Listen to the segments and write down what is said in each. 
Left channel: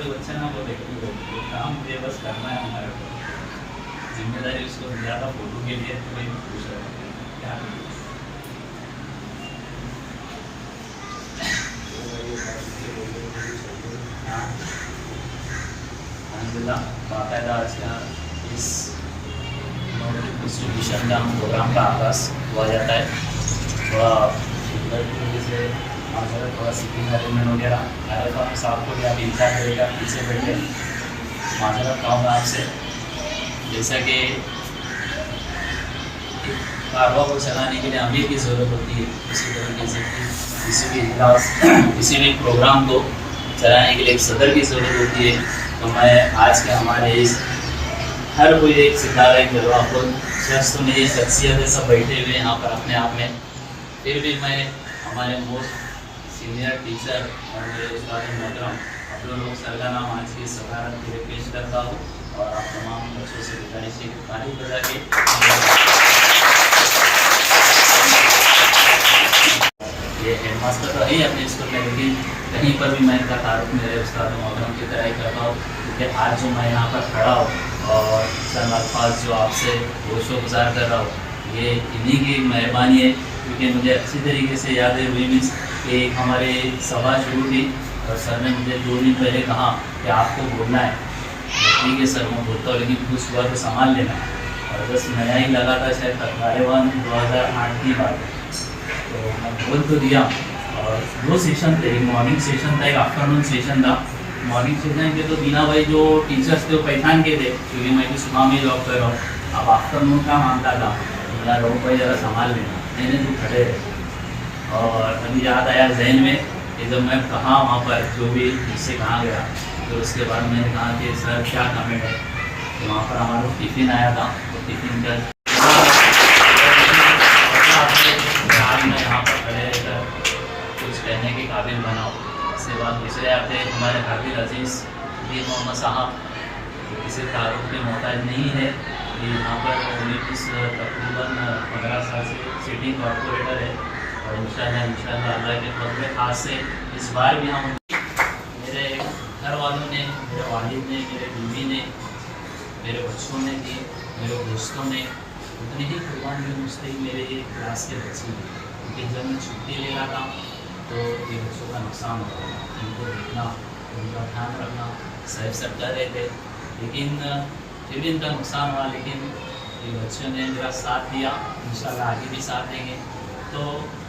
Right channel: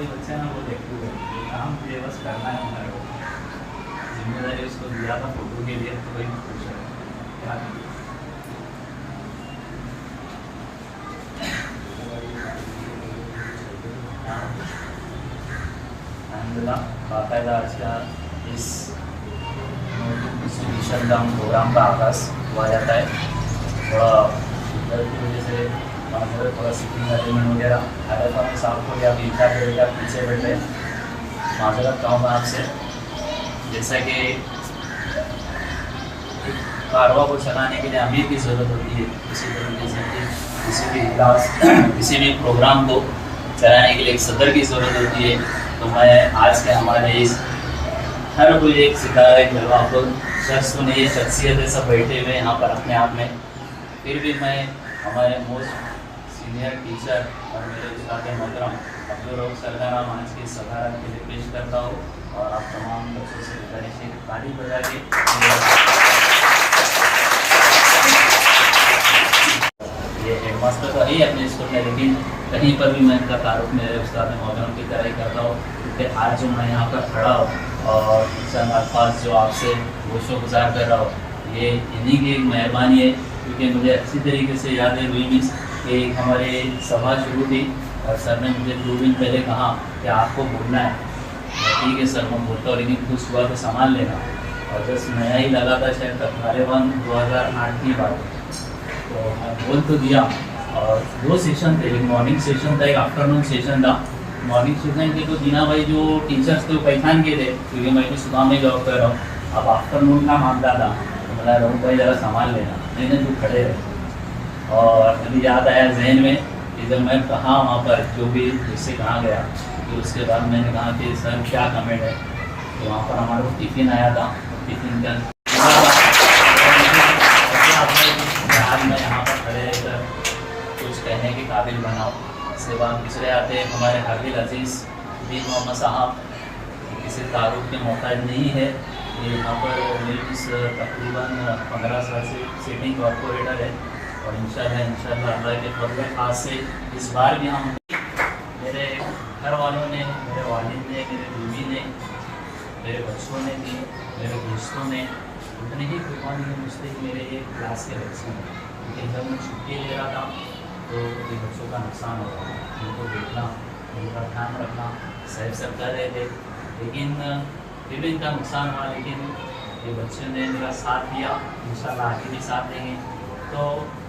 कोई बच्चा ना बहुत एक्टिव है, काम मुझे बस करना है, हमारे को जिम्मेदारी उसको दिया था फोटो के लिए, तो वही मैं पूछ रहा हूँ क्या अलहमदिल्ला बाकायदा आज का इस डिस्ट्रीब्यूशन का प्रोग्राम का आगाज़ हुआ जाता है। थोड़ा इधर की वजह से थोड़ा सीटिंग अरेंजमेंट वगैरह आ रहा था, साहब को भी आप इंतजार करेगा, पीछे बैठे माजरत कहूँगा आपसे। जैसा कि कारवा को चलाने के लिए अमीर की ज़रूरत होती है, इसी तरीके से किसी भी इजलास किसी भी प्रोग्राम को चलाने के लिए एक सदर की ज़रूरत होती है। तो मैं आज के हमारे इस हर कोई एक सितारा जलवाफुल शख्स तो नहीं, शख्सियत है, सब बैठे हुए यहाँ पर अपने आप में, फिर भी मैं हमारे मोस्ट सीनियर टीचर और मेरे उस्ताद मोहतरम अब्दुल रऊफ सर का नाम आज की सदारत के लिए पेश करता हूँ और आप तमाम बच्चों से गुजारिश है कि ताली बजा के ये हेडमास्टर तो है अपने स्कूल में, लेकिन कहीं पर भी मैं इनका तारुफ मेरे उस्ताद मोहतरम की तरह ही करता हूँ, क्योंकि आज जो मैं यहाँ पर खड़ा हूँ और चंद अल्फाज जो आपसे गोशोगुजार कर रहा हूँ, ये इन्हीं की मेहरबानी है, क्योंकि मुझे अच्छी तरीके से याद है हुई मीन्स कि हमारे सभा शुरू थी और सर ने मुझे 2 दिन पहले कहा कि आपको बोलना है। ठीक है सर, मैं बोलता हूँ, लेकिन कुछ हुआ तो संभाल लेना। और बस नया ही लगा था शायद 2008 की बात, तो मैं बोल तो दिया। और 2 सेशन थे, एक मॉर्निंग सेशन था, एक आफ्टरनून सेशन था। मॉर्निंग सेशन के तो दीना भाई जो टीचर्स थे वो पहचान के थे, क्योंकि मैं भी सुबह में जॉब कर रहा हूँ। अब आफ्टरनून का मामला था, तो बोला रऊफ भाई ज़रा संभाल लेना, मैंने जो खड़े रहे। और मुझे याद आया जहन में कि जब मैं कहा वहाँ पर जो भी मुझसे कहा गया, तो उसके बाद मैंने कहा कि सर क्या कमेंट है। तो वहाँ पर हमारा टिफ़िन आया था, टिफ़िन का मैं यहाँ पर खड़े रहकर कुछ कहने के काबिल बनाओ। उसके बाद पिछले आते हमारे हाफिज अजीज़ दी मोहम्मद साहब, किसी तारुफ में मोहताज नहीं है, ये यहाँ पर तकरीबन 15 साल से सिटिंग कॉर्पोरेटर है। और इंशाल्लाह अल्लाह के फजल खास से इस बार भी हम मेरे घर वालों ने, मेरे वालिद ने, मेरे बीवी ने, मेरे बच्चों ने दी, मेरे दोस्तों ने उतने ही कुर्बानी मुझसे मेरे एक क्लास के बच्चे हैं, क्योंकि जब मैं छुट्टी ले रहा था तो ये बच्चों का नुकसान हो रहा था, उनको देखना, उनका ध्यान रखना सब कर रहे थे, लेकिन फिर भी इनका नुकसान हुआ। लेकिन ये बच्चों ने मेरा साथ दिया, इंशाल्लाह आगे भी साथ देंगे। तो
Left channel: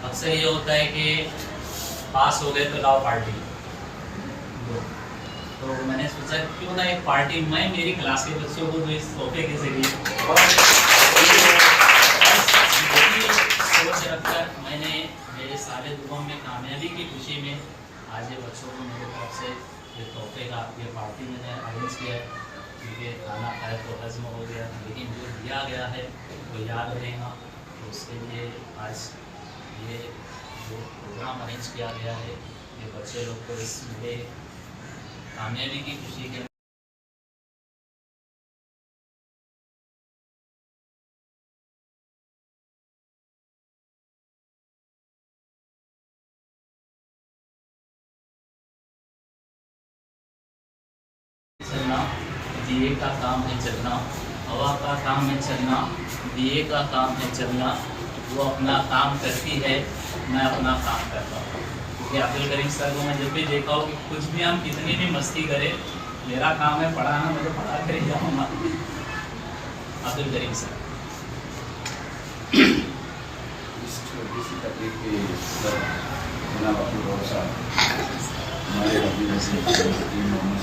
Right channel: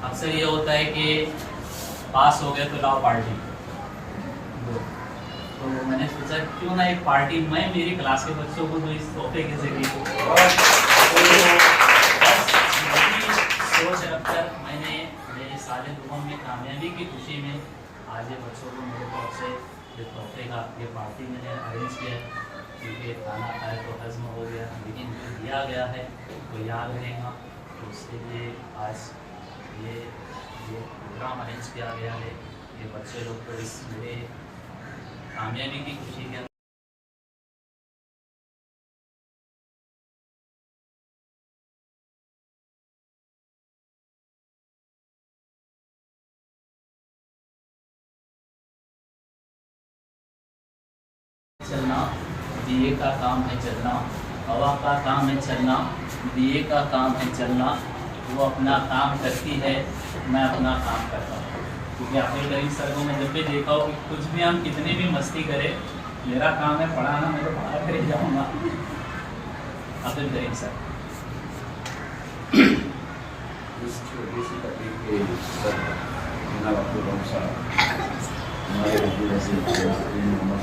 अक्सर ये होता है कि पास हो गए तो लाओ पार्टी, तो मैंने सोचा क्यों ना एक पार्टी मैं मेरी क्लास के बच्चों को तो इस तोहफे के जरिए सोच रखकर मैंने मेरे साले दुआ में कामयाबी की खुशी में आज ये बच्चों को मेरे तरफ से ये तोहफे का ये पार्टी मैंने अरेंज किया है, क्योंकि खाना खाया तो हज़म हो गया, लेकिन जो दिया गया है वो याद रहेगा। तो उसके लिए आज ये जो प्रोग्राम अरेंज किया गया है, ये बच्चे लोग को इस मेरे कामयाबी की खुशी के चलना, दिए का काम है चलना, हवा का काम है चलना, दिए का काम है चलना, वो अपना काम करती है, मैं अपना काम करता हूँ। क्योंकि अब्दुल करीम सर को मैं जब भी देखा हो कि कुछ भी हम कितनी भी मस्ती करें, मेरा काम है पढ़ाना, मैं तो पढ़ा कर ही जाऊँगा। अब्दुल करीम सर इस छोटी सी तकलीफ के ऊपर हमारे मोहम्मद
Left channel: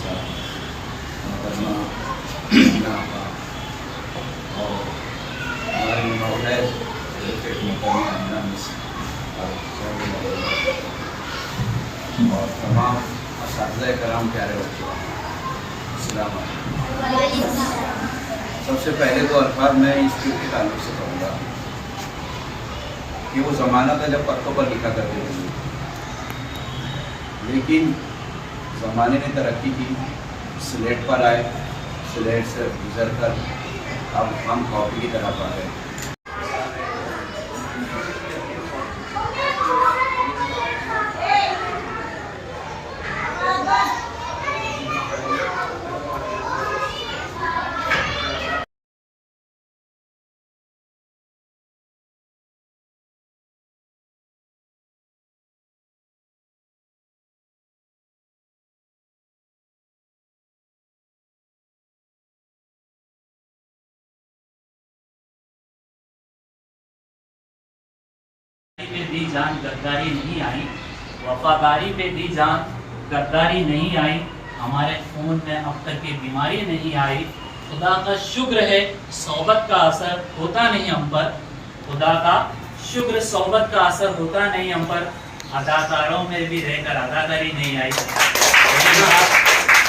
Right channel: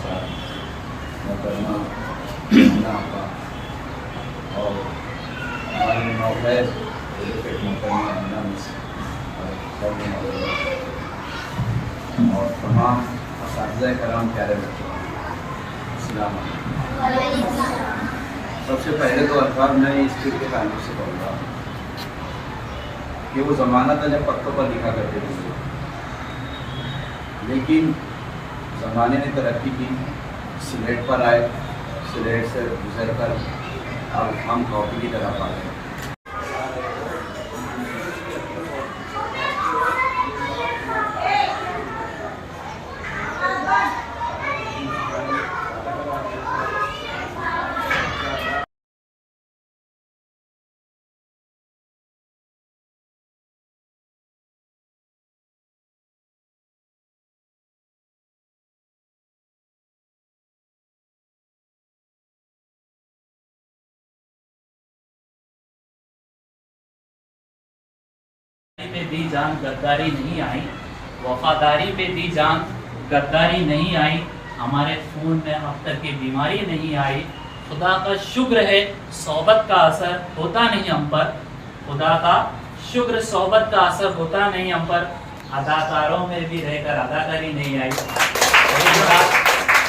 साहब मोहतरमा और हमारी नौखैर मोहतरमा और तमाम असातिज़ा कराम प्यारे बच्चों, अस्सलाम वालेकुम। सबसे पहले तो अल्फाज मैं इस चीज़ के ताल्लुक़ से कहूँगा कि वो ज़माना था जब पत्तों पर लिखा करते थे, लेकिन ज़माने ने तरक्की की, स्लेट पर आए, स्लेट से गुजर कर अब हम कॉपी की तरफ आ रहे हैं। पे दी जान गद्दारी नहीं आई, वफादारी पे दी जान गद्दारी नहीं आई, हमारे खून में अब तक की बीमारी नहीं आई। खुदा का शुक्र है सोबत का असर होता नहीं हम पर, खुदा का शुक्र सोबत का असर होता नहीं हम पर, अदाकारों में भी रहकर अदाकारी नहीं आई।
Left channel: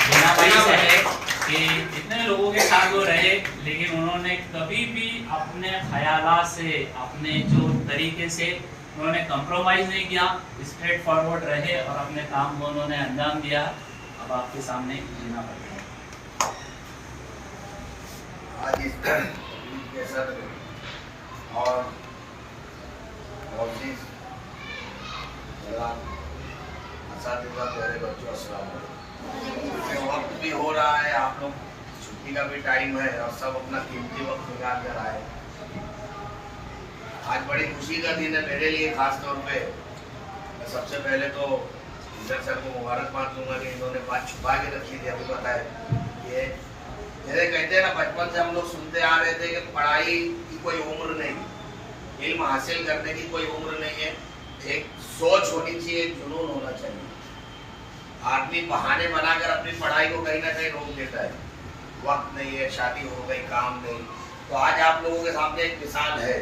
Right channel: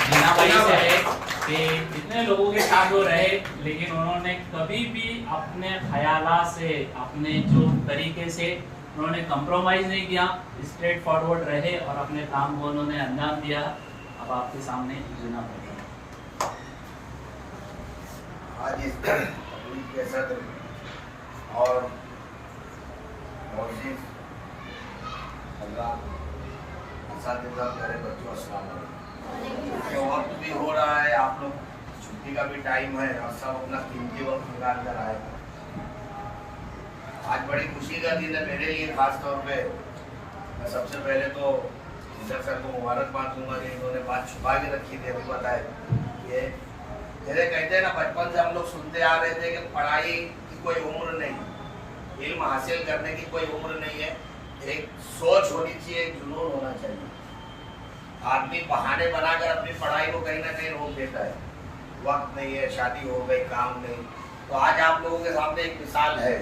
जीना भाई से है कि जितने लोगों के साथ वो रहे, लेकिन उन्होंने कभी भी अपने ख्यालात से, अपने जो तरीके से उन्होंने कंप्रोमाइज़ नहीं किया, स्ट्रेट फॉरवर्ड रहे और अपने काम को उन्होंने अंजाम दिया। अब आपके सामने जीना पड़ता है। आज इस तकलीफ के सत्र और मोजिज़ असातिज़ा प्यारे बच्चों, अस्सलाम वालेकुम। वक्त भी हो रहा है, आप लोग छुट्टी का भी टाइम है और सब अपना कीमती वक्त निकाल कर आए। आज बड़ी खुशी का दिन है मेरे लिए खास तौर पे। मैं सबसे पहले तो इंदर सर को मुबारकबाद दूंगा कि इन्होंने बात छुपा के रखी थी। अभी पता है ये जैसे कहते हैं ना, बचपन से हम लोग सुनते आ रहे थे कि पढ़ाई की कोई उम्र नहीं, इल्म हासिल करने की कोई उम्र नहीं है, एक सोच होनी चाहिए, एक जुनून होना चाहिए। आदमी बहाने बनाकर अपनी पढ़ाई को कहीं ना कहीं रोक देता है, वक्त नहीं है, शादी हो गई, काम नहीं। तो आज आप लोगों के सामने एक मिसाल है।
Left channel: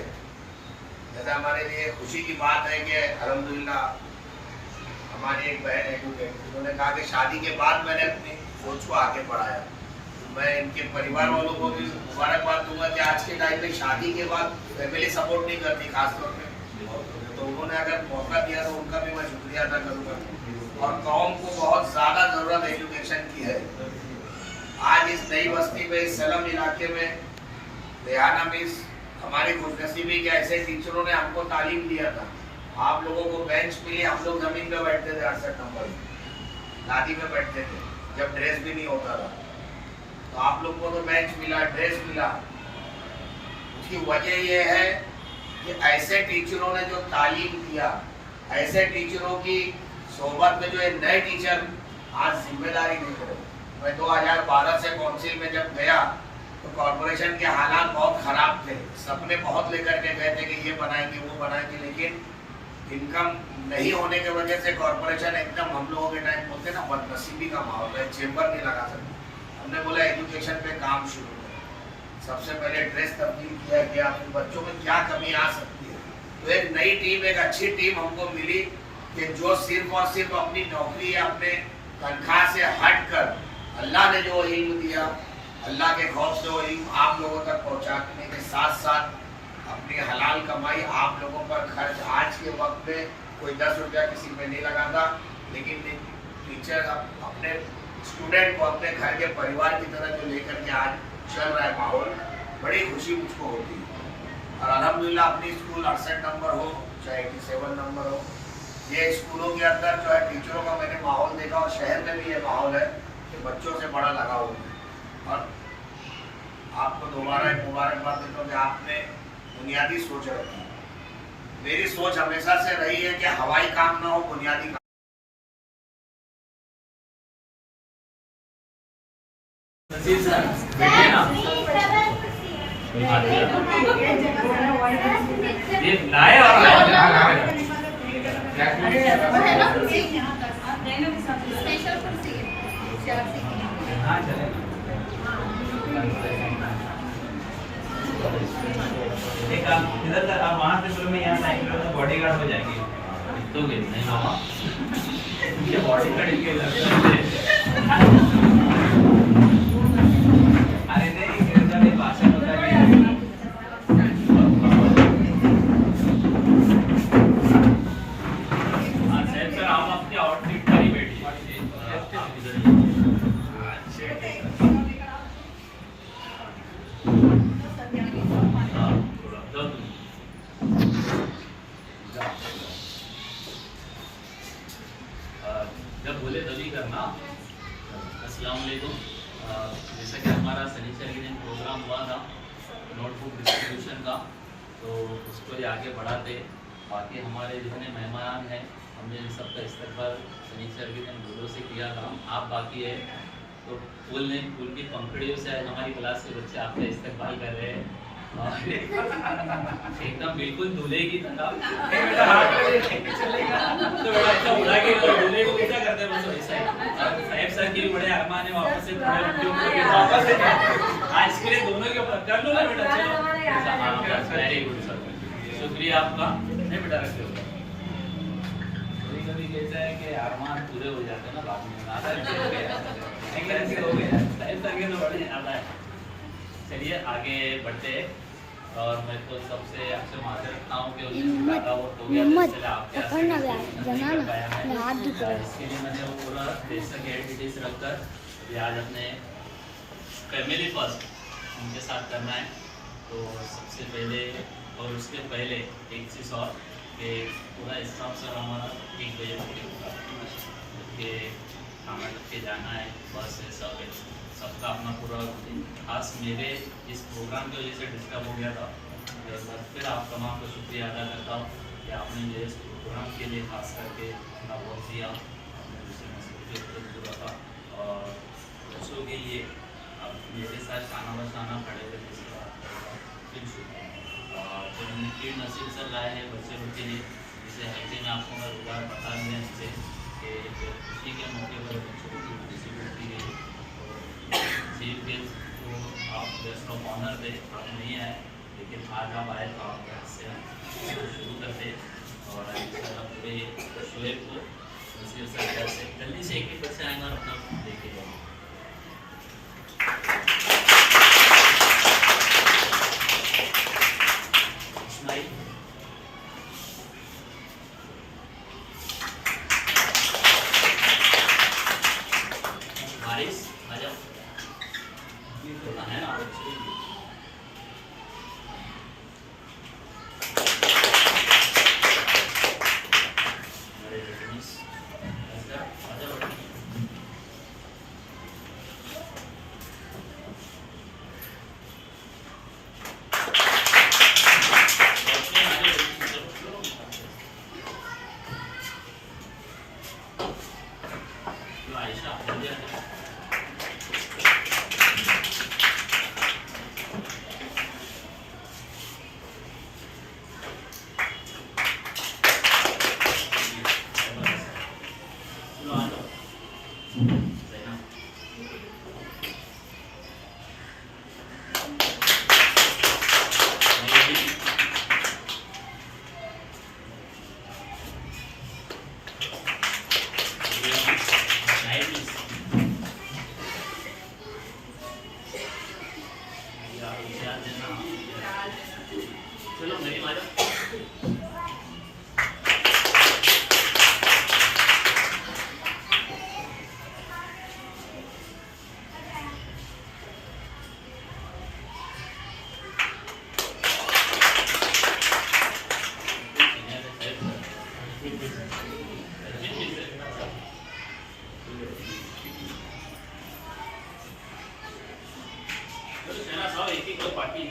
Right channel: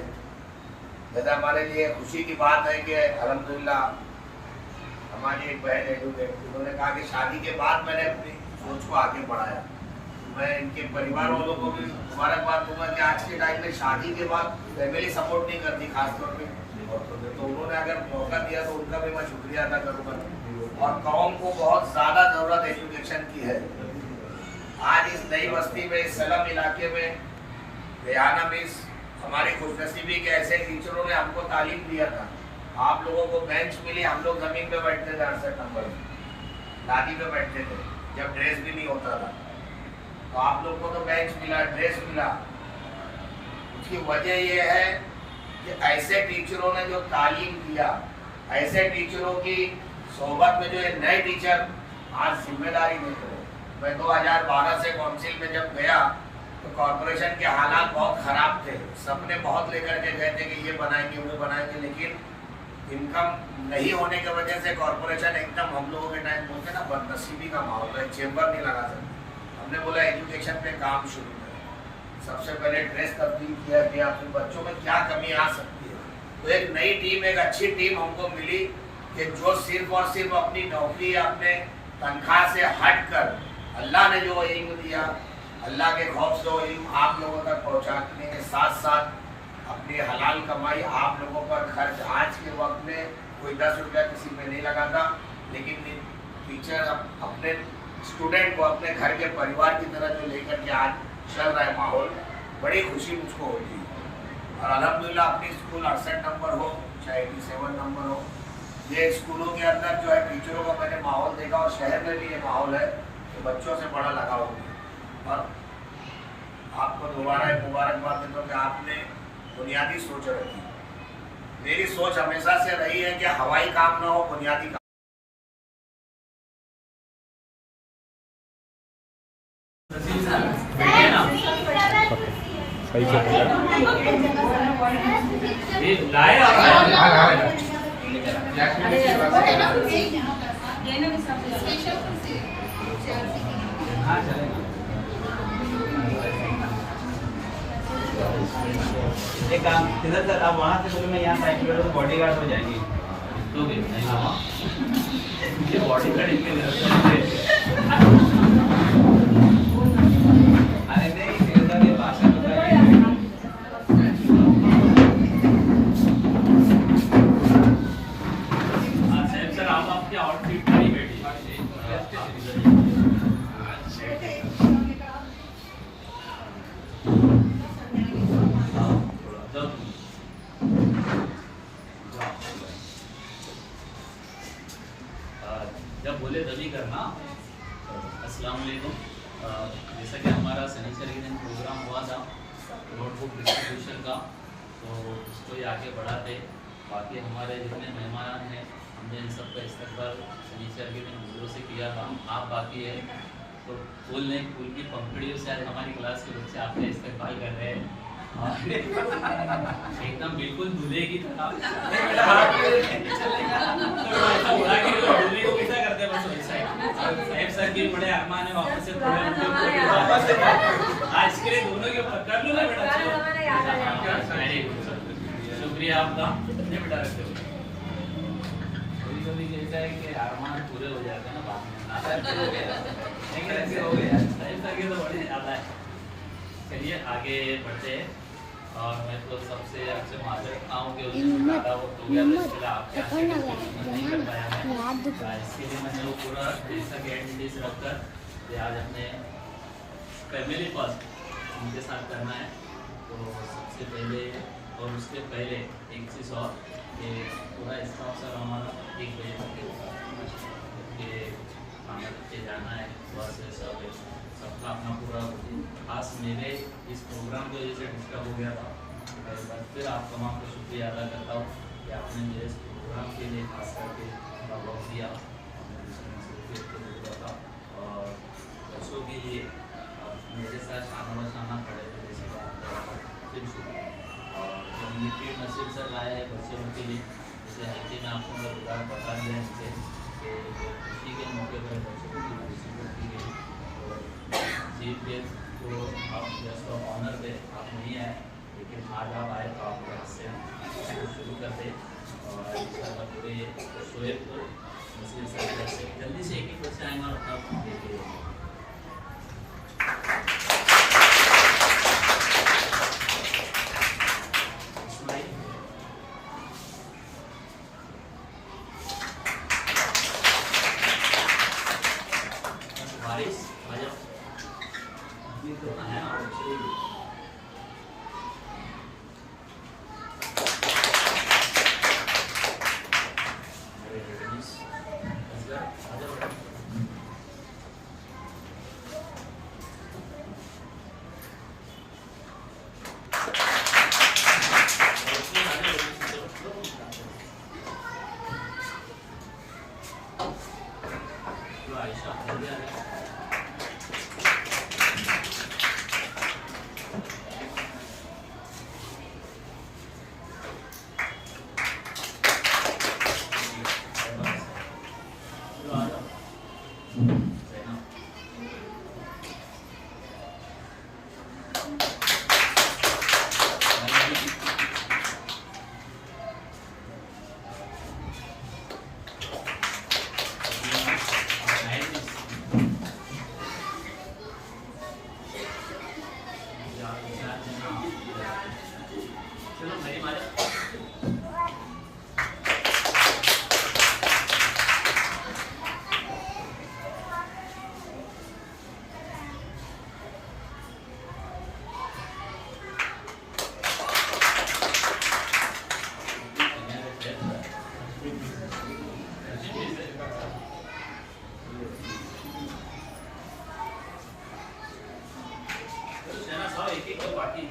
जैसे हमारे लिए खुशी की बात है कि अल्हम्दुलिल्लाह हमारी एक बहन एडवोकेट, उन्होंने कहा कि शादी के बाद मैंने अपनी सोच को आगे बढ़ाया। मैं इनके परिवार वालों को भी मुबारकबाद दूंगा कि आज के टाइम पे शादी के बाद फैमिली सपोर्ट नहीं करती, खासतौर पे तो उन्होंने अगर मौका दिया तो उनका भी मैं शुक्रिया अदा करूँगा। और कौम को बहुत ज़्यादा ज़रूरत एजुकेशन की है। आज इस नई बस्ती में, इस सलम इलाके में रेहाना मिस हमारी खुशनसीबी के ऐसे टीचरों ने हमको तालीम दिया था। आप लोगों को बेंच मिली, हम लोग ज़मीन पे बैठते थे 68 नंबर में, लादी पे बैठते थे जब ड्रेस भी नहीं होता था। तो आप लोग को तो बेंच मिला, ड्रेस मिला। उसकी वजह यह है कि ऐसे टीचरों ने जो तालीम दिया, ऐसे टीचरों की सोबत में जो ये नए टीचर आज जिम्मेदारी नहीं रहे। मैं 2012 से काउंसिल में जब गया तो कॉरपोरेशन के हालात बहुत ख़राब थे, सपने बहुत लेकर के गए थे कि ये बनाएंगे, वो बनाएंगे, लेकिन इनकम नहीं होने की वजह से कॉरपोरेशन एकदम, हम लोगों के टाइम बोलते ना, बदनसीबी का माहौल है, चेम्बर नहीं लगा सकते। हमने बोला एजुकेशन पे काम शुरू करें। सबसे पहले ड्रेस तब्दील किया कि अपने बच्चों में क्या कमी आ सकती है। तो एक नई टीम, एक अच्छी टीम हमको मिली कि जो सिर्फ और सिर्फ अपनी नौकरी या अपने तनख्वाह से हट कर अल्लाह ने जो इल्म दिया, अल्लाह के खौफ से वो इल्म आप लोगों तक पहुँचाने के साथ साथ अपनी हलाल कमाई आप लोगों पर खर्च। आज के वक्त में कोई 10 रुपया किसी पे नहीं लगाता, लेकिन टीचर अपने स्टूडेंट को अपने घर के परिवार की तरह जो लेकर के आज चल रहा है माहौल, बड़ी खुशी मुझको होती है। और अल्हम्दुलिल्लाह अपनी स्कूल 68 नंबर हो चाहे 87 नंबर हो, ये स्कूलों के अंदर जो है टीचरों का मैंने माहौल देखा और शहर में भी ये माहौल है कि बच्चों से बड़ा लगाव है। और आपको दोबारा एक मुबारकबाद देता हूँ कि आपने बुनियादी सोच रखी। मेरी सोच हमेशा से रही है कि हवाई काम ना हो, बुनियादी काम। लाए एक काम इधर तक, आप वहाँ से बोलो मैं यहाँ साइकिल तो बॉडी गार्ड हो जाएगी। तो भी नहीं मामा, ये बॉडी गार्ड इनके अरे नहीं, इधर नहीं भाषा होता है। साहब सर, आप आपके आउटफिट पर ही बैठिए। जब बोले तभी करना। अस्सलाम वालेकुम। जैसा कि हमारा शनिचर के दिन प्रोग्राम हुआ था नोटबुक डिस्ट्रीब्यूशन का, तो उसको ही आगे बढ़ाते। बाकी हमारे जितने मेहमान हैं, हमने इन सब का इस्तेमाल शनिचर के दिन फूलों से किया था। आप बाकी है तो फूल की पंखड़ियों से आज हमारी क्लास के बच्चे आपका इस्तेमाल कर रहे हैं। एकदम बिल्कुल दूल्हे की तरह नहीं बेटा हाथ में लेके चलेगा तो बड़ा ऐसा उड़ा के दूल्हे को कैसा करते हैं बस वैसा ही अब साहब सर की बड़े अरमान है वापस से पूरे उनके ऊपर वापस से आज इसके लिए दोनों के ऊपर कर लो ना बेटा चलो वेरी गुड सर शुक्रिया आपका नहीं बेटा रख दो कभी कभी कैसा है कि अरमान पूरे हो जाते हैं ना बाद में हो गया नहीं कैसे हो गया साहब सर के तो बड़े ज्यादा है चलिए आगे बढ़ते और मैं तो सबसे आपसे माजर रखता हूँ कि हिम्मत पकड़ना बनाना हाथ दुख रहा है। इसके लिए मैंने वो पूरा बेसिक एक्टिविटीज रखकर ये आज अपने फैमिली फर्स्ट उनके साथ करना है। तो सबसे पहले और उसके पहले एक चीज़ और कि पूरा स्टाफ सर हमारा 1 बजे तक होता है खाना रख के जाना है बस सब सबका अपना पूरा खास मेरे इस प्रोग्राम की वजह से डिस्टर्ब हो गया था। मैं एक बार फिर आप तमाम को शुक्रिया अदा करता हूँ कि आपने मेरे इस प्रोग्राम के लिए खास करके अपना वक्त दिया दूसरे मसरूफियत के जरूरत था और बच्चों के लिए आप मेरे साथ शाना बशाना खड़े थे जिसके साथ फिर शुक्रिया और जो उनके नसीब से लाए हैं बच्चों के लिए जैसे हैप्पी में आपको मैं पूरा बता दिया इससे कि खुशी के मौके पर बच्चों को पार्टिसिपेट की गई चीफ गेस्ट को आप गेस्ट ऑफ ऑनर दे आप नहीं आए लेकिन आज आप आए तो आपके हाथ से हम शुरू कर दे और इंशाल्लाह पूरे शोएब को नसीर सर से जल्दी से एक बच्चे आएंगे और अपना देखे इस्माइल बारिश आ जाओ तो है ना मेरे जजमिस आ जाओ आयशा जल्दी आ जाओ चलो मेरी मारा एक एक पार्टी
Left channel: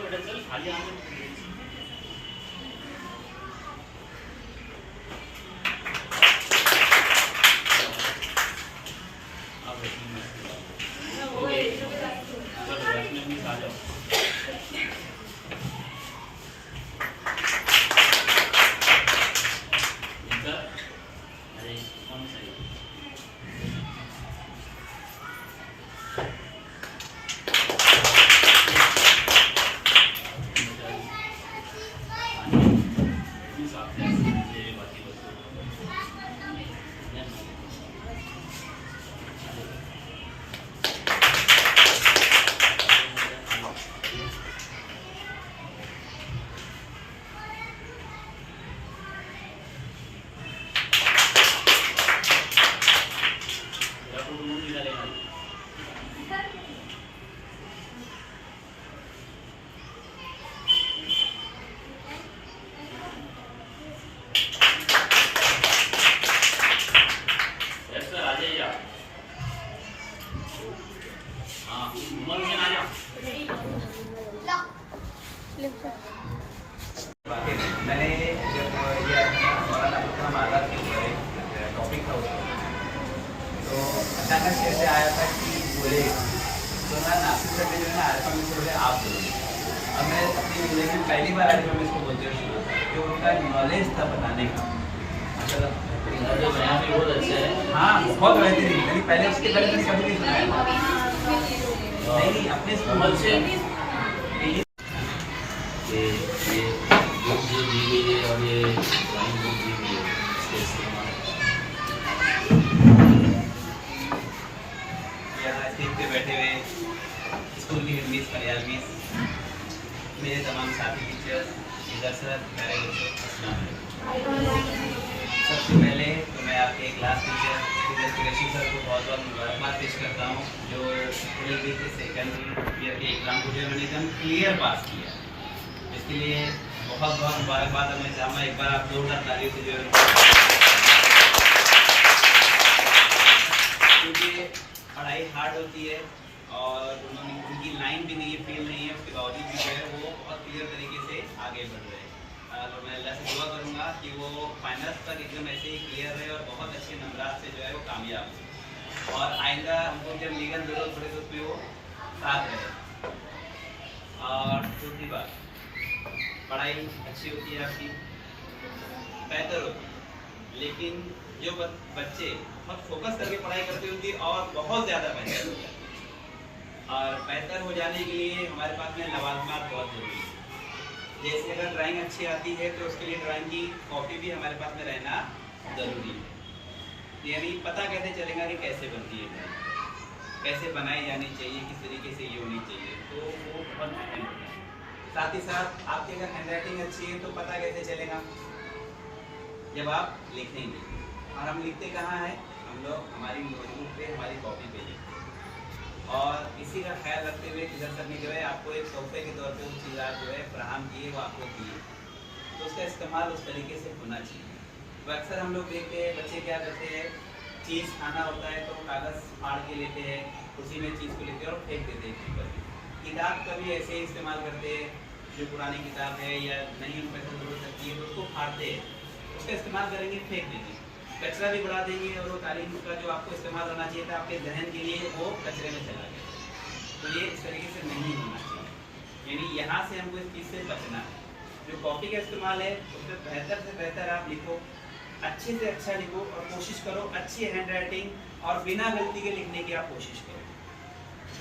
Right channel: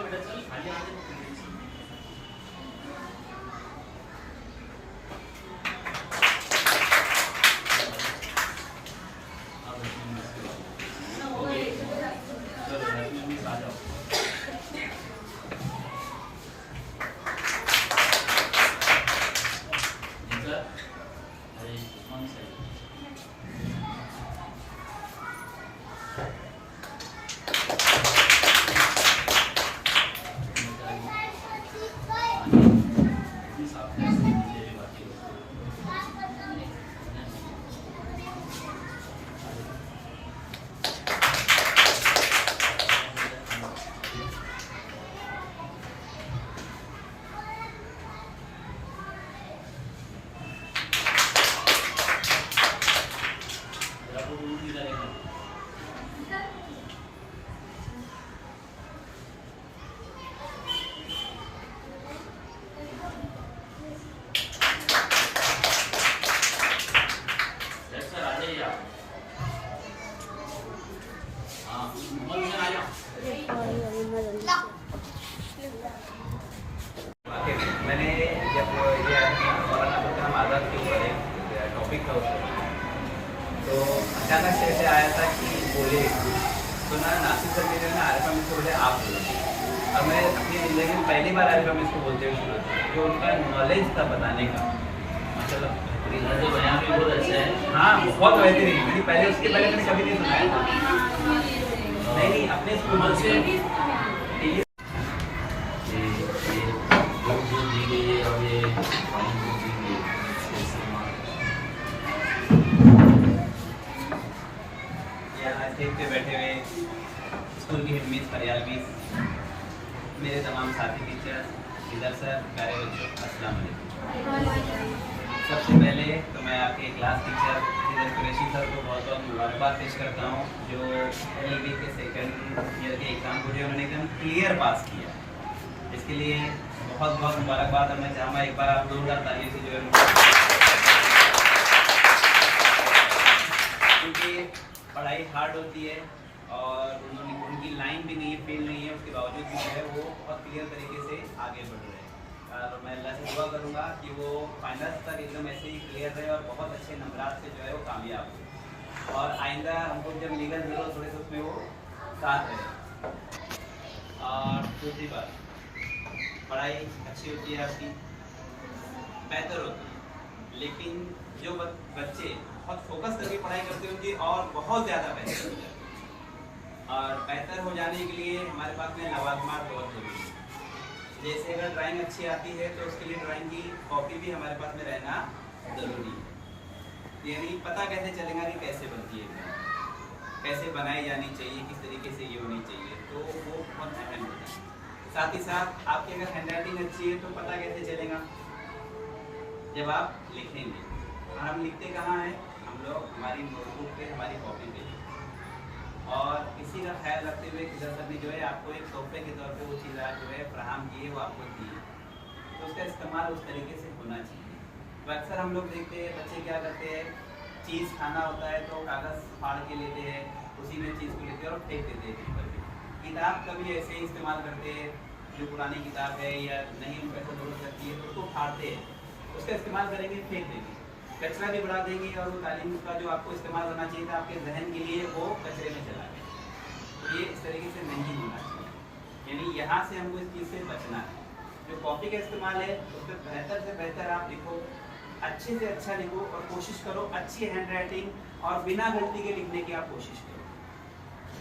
बेटा चल खाली आने है ना आरिफा मिस को बोले आप बोलो। अब मैं अपनी जिंदगी में पहली बार आरिफा मिस को बोलते हुए सुना था, जो उनका नॉलेज था बताने का माशाल्लाह। जो बयान भी बहुत अच्छा है। हाँ बहुत बेहतरीन, मैंने पहले उसके पहले मैंने कभी नहीं सुनाया था। नहीं अपने स्कूल से ये बुक जो दी गई है और ये ड्राइंग बुक दी गई है, इसके इस्तेमाल यहाँ स्टेज पे बैठे हुए स्कूल की हेड मिस, फरियाल मिस, मेरे तमाम साथी टीचर्स, इधर सर, प्यारे बच्चों, अस्सलाम वालेकुम। सबसे पहले तो मैं आपके क्लास टीचर इधर कुरैशी सर को बहुत बहुत मुबारकबाद पेश करता हूँ, जो LLB के सेकेंड ईयर के एग्ज़ाम को जो उन्होंने एकदम क्लियर पास किया, इसके लिए बहुत बहुत मुबारकबाद। मैं चाहूँगा एक बार आप लोग तालियों से जो है क्योंकि पढ़ाई हार्ड होती है और उन्होंने उनकी लाइन भी नहीं है, फील्ड नहीं है, उसके बावजूद भी जो है वो बहुत क्लियर तरीके से आगे बढ़ रहे हैं। तो मैं अल्लाह से दुआ करूँगा कि वो फाइनल्स तक एकदम ऐसे ही क्लियर रहे और बहुत अच्छे नंबरात से जो है वो कामयाब हो, और आइंदा हमको जब लीगल ज़रूरत पड़े तो उसमें वो साथ रहे। और दूसरी बात, पढ़ाई अच्छी होती है आपकी, बेहतर होती है, लेकिन जो बच्चे बहुत फोकस करके पढ़ाई करते हैं उनकी और बहुत ज़्यादा बेहतर हो जाती है। और बेहतर हो जाने के लिए हमारे पास में लवाजमात बहुत ज़रूरी है। जैसे अगर ड्राइंग अच्छी आती है तो उसके लिए ड्राइंग की कॉपी भी हमारे पास में रहना ज़रूरी है। यानी पता कैसे चलेगा कि कैसे बनती है ड्राइंग, कैसे बनाई जानी चाहिए, किस तरीके से ये होनी चाहिए, तो वो बहुत अहम है। साथ ही साथ आपकी अगर हैंडराइटिंग अच्छी है तो पता कैसे चलेगा, जब आप लिखेंगे। और हम लिखते कहाँ हैं, हम लोग हमारी नोटबुक पे, हमारी कॉपी पे लिखते हैं। और इसी का ख्याल रखते हुए किधर तक जो है आपको एक तोहफे के तौर पे वो चीज़ आप जो है फराहम किए, वो आपको दिए, तो उसका इस्तेमाल उस तरीके से होना चाहिए। तो अक्सर हम लोग देखते हैं बच्चे क्या करते हैं, चीज़ खाना होता है तो कागज़ फाड़ के लेते हैं, उसी में चीज़ को लेते हैं और फेंक देते हैं कहीं पर भी। किताब का भी ऐसे ही इस्तेमाल करते हैं, जो पुरानी किताब है या नहीं उन पैसों जरूरत लगती है तो उसको फाड़ते हैं, उसका इस्तेमाल करेंगे, फेंक देंगे, कचरा भी बढ़ा देंगे, और वो तालीम का जो आपको इस्तेमाल होना चाहिए था आपके जहन के लिए, वो कचरे में चला गया। तो ये इस तरीके से नहीं होना चाहिए, यानी यहाँ से हमको इस चीज़ से बचना है। जो कॉपी का इस्तेमाल है उससे बेहतर आप लिखो, अच्छे से अच्छा लिखो, और कोशिश करो अच्छी हैंड राइटिंग और बिना गलती के लिखने की आप कोशिश करो।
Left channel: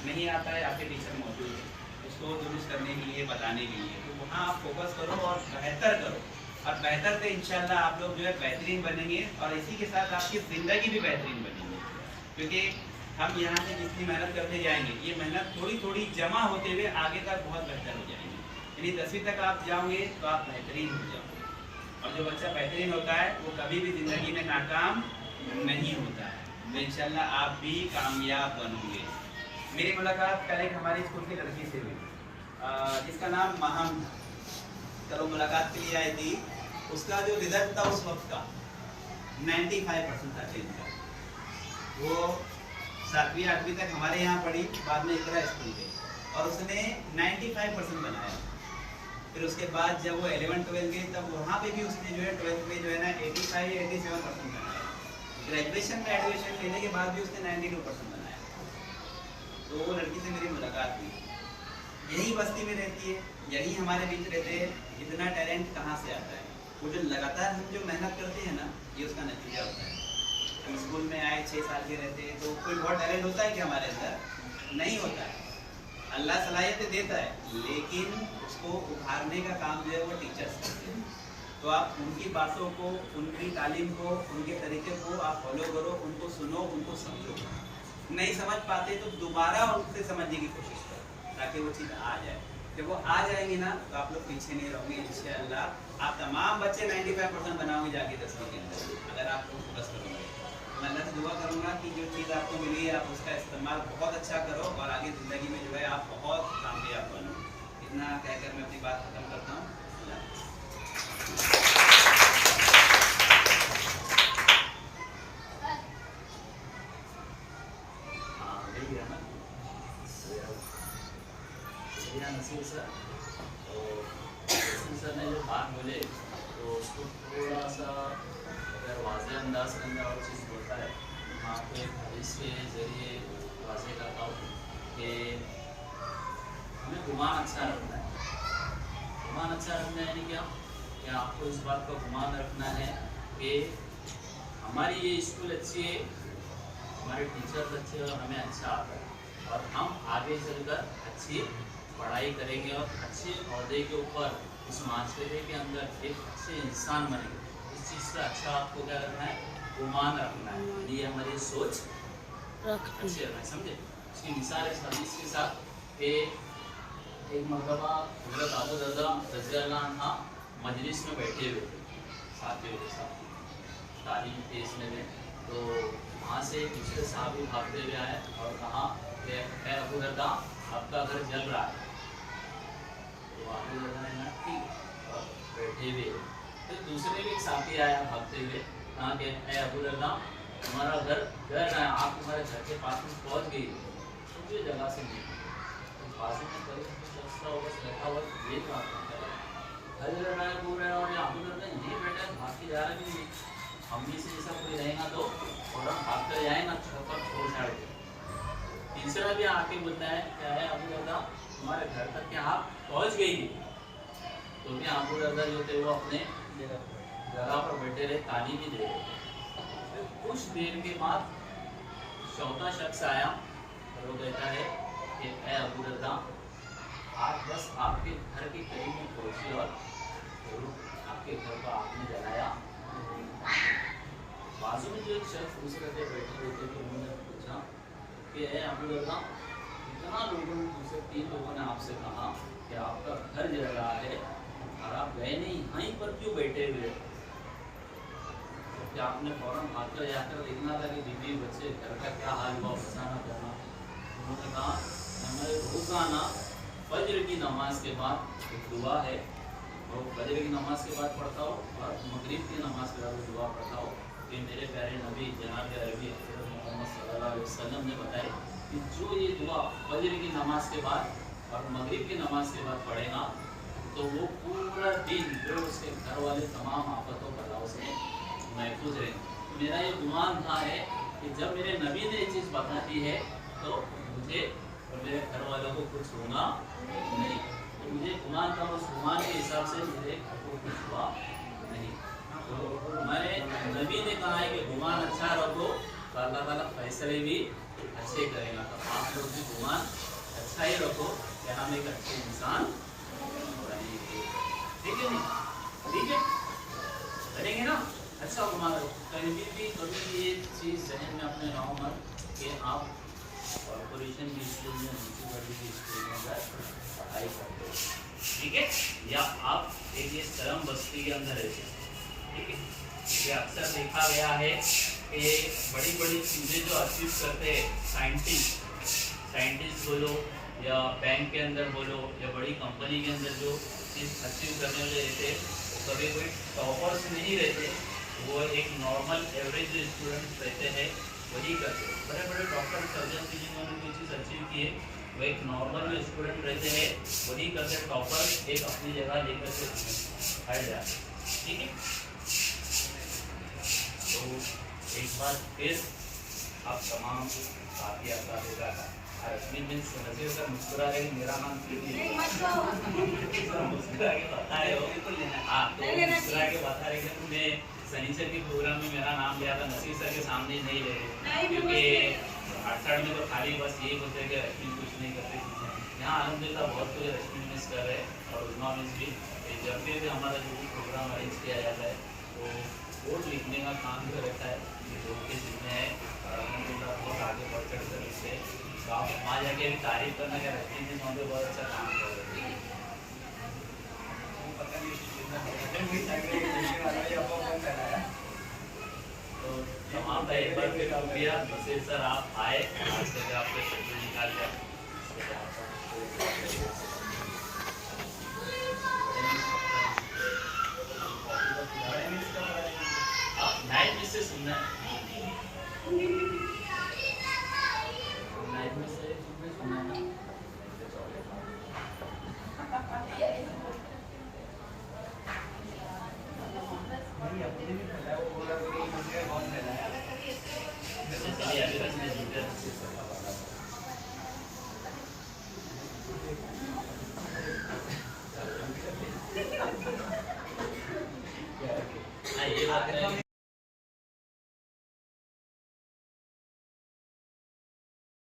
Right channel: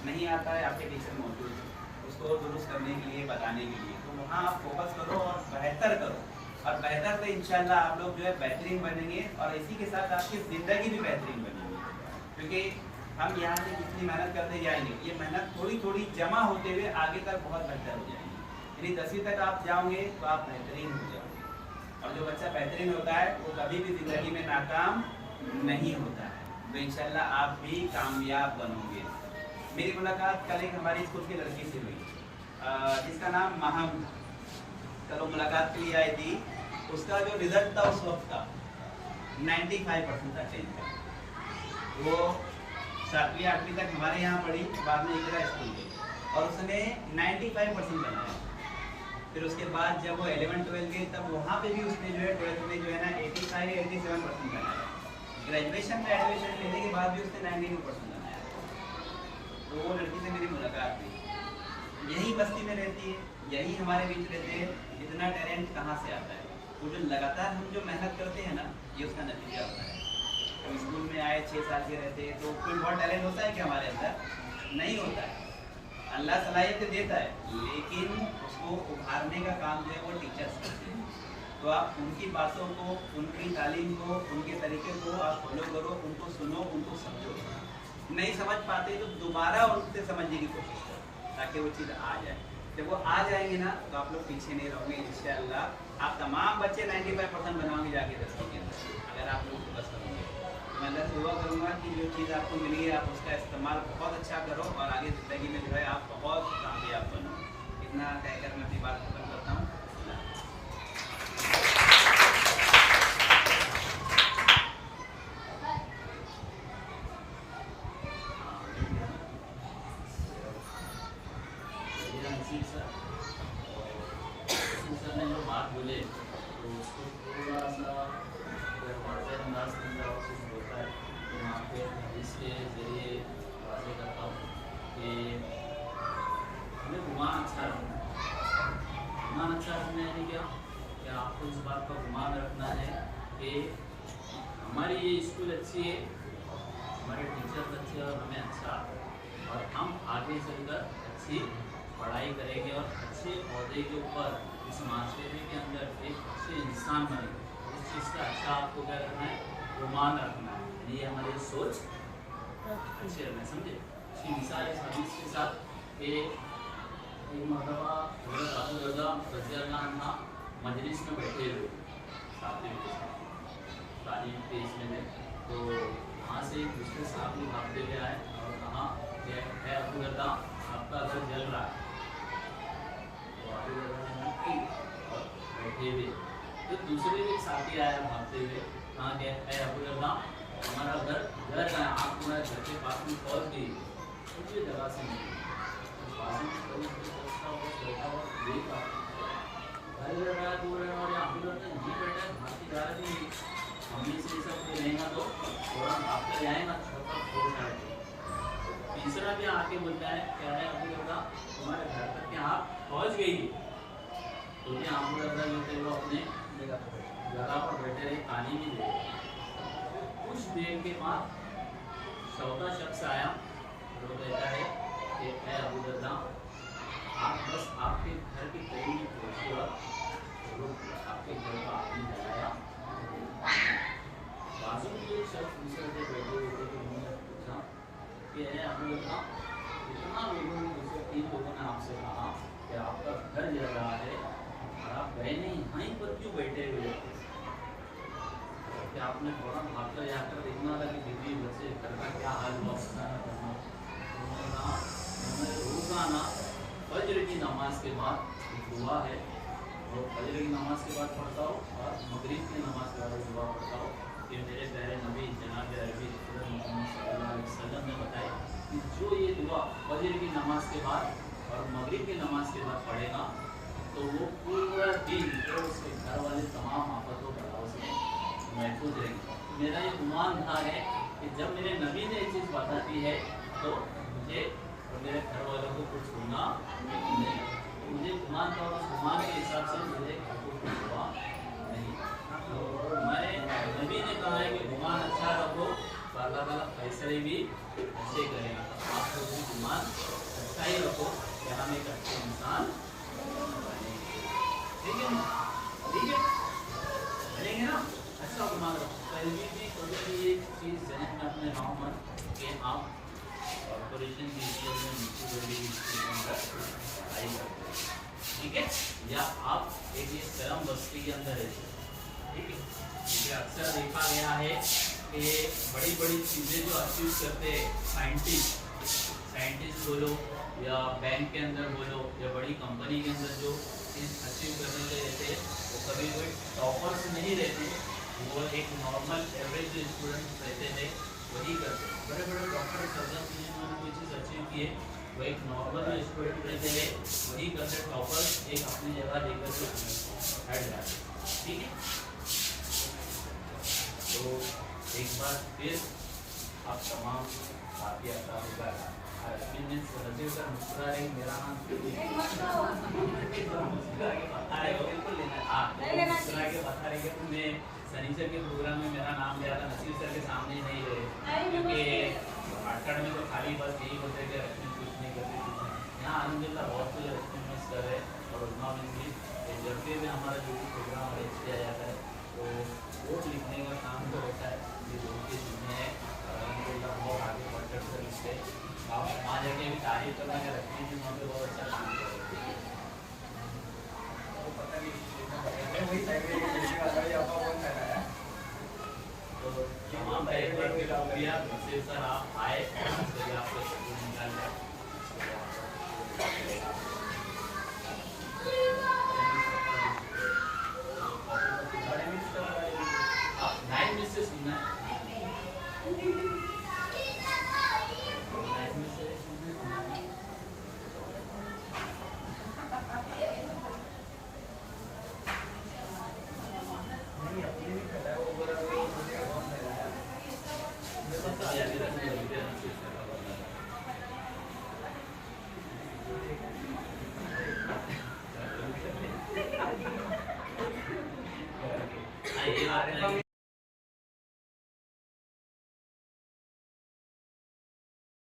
नहीं आता है, आपके टीचर मौजूद है उसको दुरुस्त करने के लिए, बताने के लिए, तो वहाँ आप फोकस करो और बेहतर करो, और बेहतर से इंशाल्लाह आप लोग जो है बेहतरीन बनेंगे, और इसी के साथ आपकी ज़िंदगी भी बेहतरीन बनेगी। क्योंकि हम यहाँ से जितनी मेहनत करते जाएंगे, ये मेहनत थोड़ी थोड़ी जमा होते हुए आगे तक बहुत बेहतर हो जाएंगे। यानी 10वीं तक आप जाओगे तो आप बेहतरीन हो जाओगे, और जो बच्चा बेहतरीन होता है वो कभी भी ज़िंदगी में नाकाम नहीं होता है। तो इंशाल्लाह आप भी कामयाब बनोगे। मेरी मुलाकात कल एक हमारी स्कूल की लड़की से हुई, जिसका नाम महम था। चलो मुलाकात के लिए आई थी, उसका जो रिजल्ट था उस वक्त का 95% था, टेंथ का। वो 7वीं 8वीं तक हमारे यहाँ पढ़ी, बाद में इकरा स्कूल गई, और उसने 95% बनाया। फिर उसके बाद जब वो 11-12 गई तब वहाँ पे भी उसने जो है 12th में जो है ना 85-87% बनाया। ग्रेजुएशन में एडमिशन लेने के बाद भी उसने 92% बनाया। तो वो लड़की से मेरी मुलाकात हुई, यही बस्ती में रहती है, यही हमारे बीच रहते हैं। इतना टैलेंट कहाँ से आता है? वो जो लगातार हम जो मेहनत करते हैं ना, ये उसका नतीजा होता है। हम स्कूल में आए 6 साल के रहते हैं तो कोई बहुत टैलेंट होता है कि हमारे अंदर नहीं होता है। अल्लाह सलाहियत देता है, लेकिन उसको उभारने का काम जो है वो टीचर्स करते हैं। तो आप उनकी बातों को, उनकी तालीम को, उनके तरीके को आप फॉलो करो, उनको सुनो, उनको समझो। नहीं समझ पाते तो दोबारा उनसे समझने की कोशिश करो, ताकि वो चीज़ आ जाए। जब वो आ जाएंगे ना तो आप लोग पीछे नहीं रहोगे इंशाअल्लाह। आप तमाम बच्चे 95% बनाओगे जाके 10वीं के अंदर, अगर आप लोग बस करोगे। मैं अल्लाह से दुआ करूँगा कि जो चीज़ आपको मिली है आप उसका इस्तेमाल बहुत अच्छा करो, और आगे ज़िंदगी में जो है आप बहुत कामयाब बनो। इतना कहकर मैं अपनी बात खत्म करता हूँ। नसीर सर ने जो बात बोले तो उसको थोड़ा सा अगर वाज़े अंदाज के अंदर और चीज़ होता है तो मैं आपको एक हदीस के ज़रिए वाज़े करता हूँ कि गुमान अच्छा रखना है। गुमान अच्छा रखना है क्या? कि आपको इस बात का गुमान रखना है कि हमारी ये स्कूल अच्छी है, हमारे टीचर्स अच्छे हैं और हमें अच्छा आता है और हम आगे चलकर अच्छी पढ़ाई करेंगे और अच्छे अहदे के ऊपर इस माशरे के अंदर एक अच्छे इंसान बनेंगे। इस चीज़ का अच्छा आपको क्या रखना है? गुमान रखना है। ये हमारी सोच अच्छी रखना है, समझे? इसकी मिसाल इस हदीस के साथ कि एक मरतबा हज़रत अबू दर्दा रज़ियल्लाहु अन्हु मजलिस में बैठे हुए थे साथियों के साथ, तालीम के इसमें थे। तो वहाँ से दूसरे साहबी भागते हुए आए और कहा कि है अबू दर्दा, आपका घर जल रहा है। तो अबू दर्दा ने ठीक और बैठे हुए। तो दूसरे भी एक साथी आया भागते हुए, कहा कि है अबू दर्दा, तुम्हारा घर जल रहा है, आप तुम्हारे घर के पास में पहुँच गई, दूसरी जगह से नहीं बाजू में कभी सोचता होगा, बैठा हुआ देख रहा था, घर जल रहा है, बोल रहा है और अबू दर्दा नहीं बैठे, भाग के जा रहे नहीं। मम्मी से ये सब कोई रहेगा तो फौरन भाग कर जाए ना, छप्पर छोड़ छाड़ के। तीसरा भी आके बोलता है, क्या है अबू दर्दा, तुम्हारे घर तक के आप पहुँच गई। तो भी अबू दर्दा जो थे वो अपने जगह पर बैठे रहे, ताली भी दे रहे। कुछ देर के बाद चौथा शख्स आया और वो कहता है कि ऐ अबू दर्दा, आप बस आपके घर के करीब में पहुँचे और जरूर आपके घर का आपने जलाया। बाजू में जो एक शख्स दूसरे से बैठे हुए थे, तो उन्होंने पूछा कि ऐ अबू दर्दा, इतना लोगों ने दूसरे 3 लोगों ने आपसे कहा कि आपका घर जल रहा है और आप गए नहीं, यहीं पर क्यों बैठे हुए? कि आपने फौरन भागकर जाकर देखना था कि बीवी बच्चे घर का क्या हाल हुआ, फसाना करना। उन्होंने कहा, मैं रोज़ाना फजर की नमाज के बाद एक दुआ है, और फजर की नमाज के बाद पढ़ता हो और मगरिब की नमाज के बाद दुआ पढ़ता हो कि मेरे प्यारे नबी जनाब अरबी मोहम्मद सल्लल्लाहु अलैहि वसल्लम ने बताया कि जो ये दुआ फजर की नमाज के बाद और मगरिब की नमाज के बाद पढ़ेगा तो वो पूरा दिन जो उसके घर वाले तमाम आफतों बलाओं से महफूज रहेंगे। तो मेरा ये गुमान था है कि जब मेरे नबी ने ये चीज़ बता दी है तो मुझे और मेरे घर वालों को कुछ होगा नहीं। तो मुझे गुमान था और उस गुमान के हिसाब से मेरे घर को कुछ हुआ नहीं। तो मैंने नबी ने कहा है कि गुमान अच्छा रखो तो अल्लाह ताला फैसले भी अच्छे करेगा। तो आप लोग भी गुमान अच्छा ही रखो कि हम एक अच्छे इंसान बनेंगे। ठीक है ना? ठीक है, बनेंगे ना? अच्छा गुमान रखो। कभी भी ये चीज़ जहन में अपने गाँव में कि आप कॉर्पोरेशन की स्कूल में म्यूनसिपलिटी की स्कूल में पढ़ाई करते हो, ठीक है, या आप एक ये शर्म बस्ती के अंदर रहते हो, ठीक है। ये अक्सर देखा गया है कि बड़ी बड़ी चीज़ें जो अचीव करते हैं साइंटिस्ट बोलो या बैंक के अंदर बोलो या बड़ी कंपनी के अंदर जो चीज़ अचीव करने वाले रहते हैं वो कभी कोई टॉपर्स नहीं रहते, वो एक नॉर्मल एवरेज स्टूडेंट रहते हैं, वही करते हैं। बड़े बड़े डॉक्टर सर्जन जिन्होंने कोई चीज़ अचीव की है वो एक नॉर्मल स्टूडेंट रहते हैं, वही करते टॉपर एक अपनी जगह लेकर के हट जाते, ठीक है। तो एक बार फिर आप तमाम साथी आपका का रश्मि मीन्स नजर कर मुस्कुरा रही, मेरा नाम मुस्कुरा के बता रहे हो, बिल्कुल लेना। हाँ, तो मुस्कुरा के बता रही है तुमने सनीचर के प्रोग्राम में मेरा नाम लिया था, नसीर सर के सामने नहीं ले रहे क्योंकि 68 में तो खाली बस यही बोलते कि रश्मि कुछ नहीं करती थी। यहाँ अलहमदिल्ला बहुत कुछ रश्मि मिस कर रहे हैं और उस्मा मिस भी। जब भी हमारा जो भी प्रोग्राम अरेंज किया जाता है तो वोट लिखने का काम जो रहता है ये वोट की जिम्मे है और अलहमदिल्ला बहुत आगे बढ़ चढ़ कर लिखते हैं। तो आप वहाँ जाके भी तारीफ करना कि रश्मि मिस वहाँ पर बहुत अच्छा काम कर रहे हैं। पता नहीं तो तमाम का एक बार फिर शुक्रिया नसीर सर, आप आए इससे भी आपको शक्ल निकाल लिया। आप 9 में से सुनना है, 9 में से सुनना है। नहीं अपने भी फैला है, वो बोला मुझे बहुत फैला है। ये लगता है